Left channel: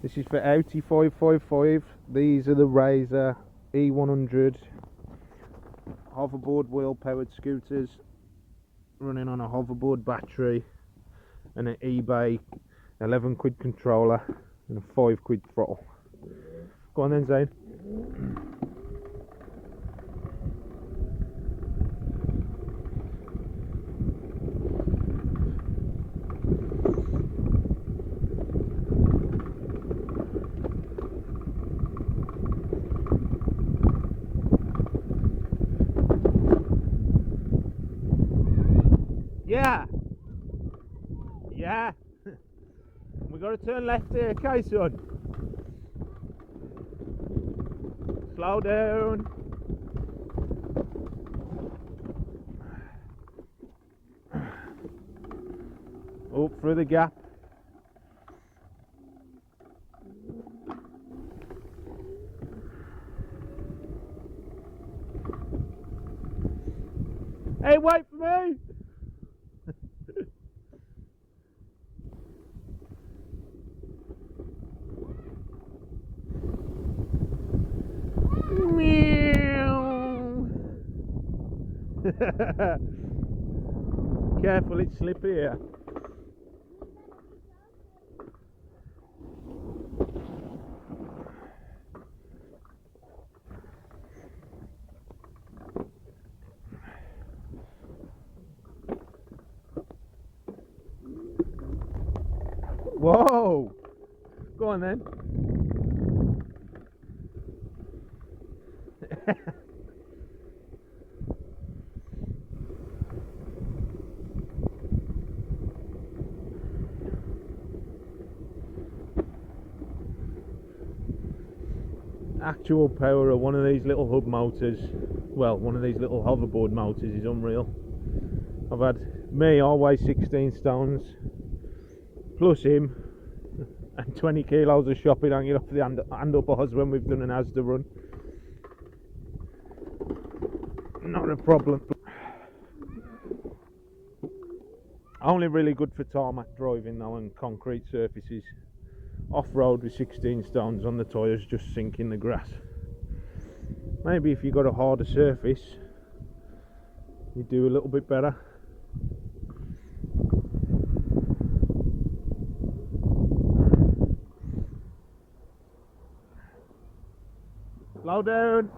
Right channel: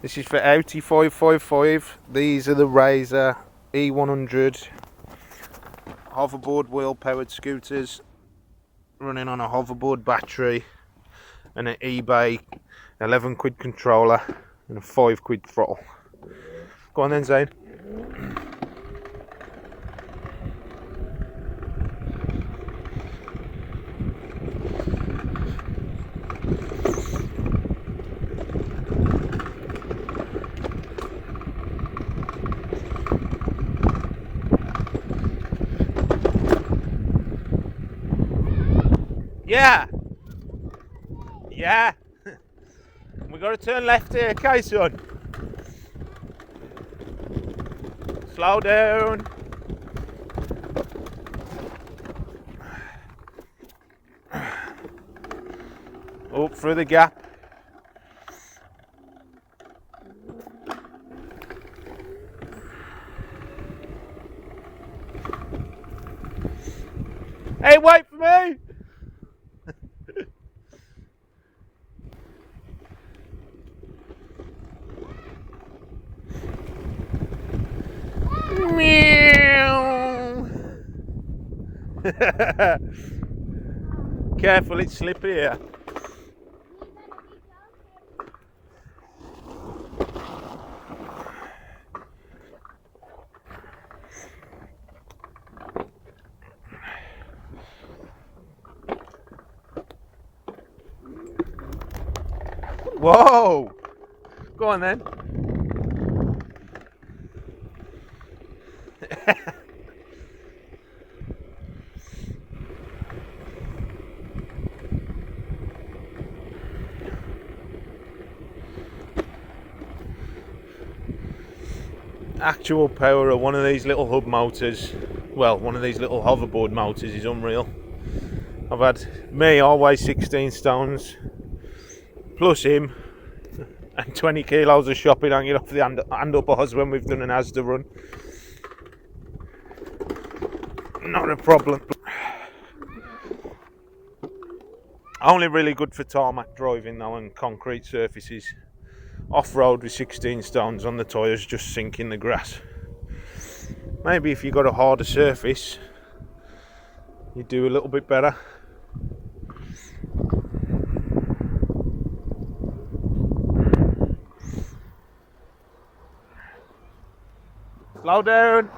This is for Audi 555. These are the Razor E100 hoverboard wheel powered scooters running on a hoverboard battery and an eBay 11 quid controller and a 5 quid throttle. Go on then, Zane. Yeah! Yeah! We gotta turn left here, okay, son? Slow down. Up through the gap. Hey, wait for me! Meow. Careful, it's slippery here. Whoa! Go on then. Actual power of one of these little hub motors, well, one of these little hoverboard motors is unreal. I've had me, I weigh 16 stones, plus him, and 20 kilos of shopping hanging off the handlebars when we've done an Asda run. Not a problem. Only really good for tarmac driving though and concrete surfaces. Off-road with 16 stones on the tyres just sink in the grass. Maybe if you got a harder surface you do a little bit better. Slow down.